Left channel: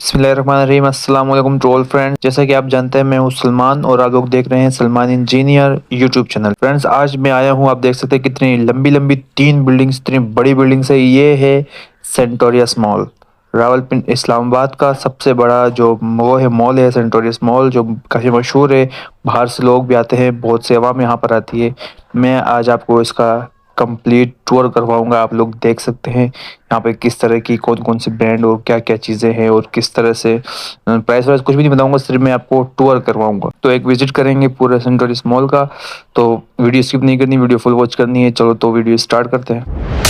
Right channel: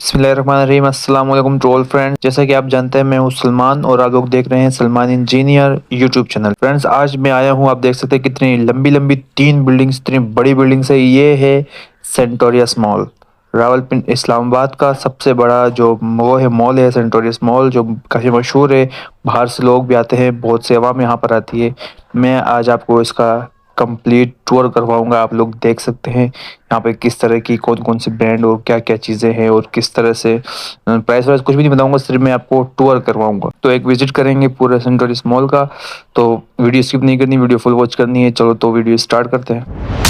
बिस्मिल्लाहिर्रहमानिर्रहीम। अस्सलाम वालेकुम टू ऑल फ्रेंड्स। जैसा कि आप जानते हैं मैं हूं सलमान और आप लोग देख रहे हैं Salman engineer YouTube channel. Friends आज मैं आया हूं, आप देख सकते हैं कितनी लंबी लंबी 3 बिल्डिंग्स, इतनी बड़ी बिल्डिंग्स है। ये है सेंटोरियस मॉल, रावलपिंडी इस्लामाबाद का सबसे बड़ा जो वो है मॉल है सेंटोरियस मॉल, जो काफ़ी मशहूर है। बाहर से लोग भी आते हैं, बहुत से अवाम यहाँ पर आती है। मैं आज आपको इसका कंप्लीट टूर करवाऊंगा। आप लोग देख सकते हैं यहाँ पे किस तरह की कौन कौन सी ब्रांड और क्या क्या चीज़ें हैं और किस तरह से प्राइस वाइस कुछ भी नहीं बताऊंगा, सिर्फ मैं आपको टूर करवाऊंगा। तो एक विजिट करेंगे पूरे सेंटोरियस मॉल का। तो वीडियो स्किप नहीं करनी, वीडियो फुल वॉच करनी है। चलो तो वीडियो स्टार्ट करते हैं।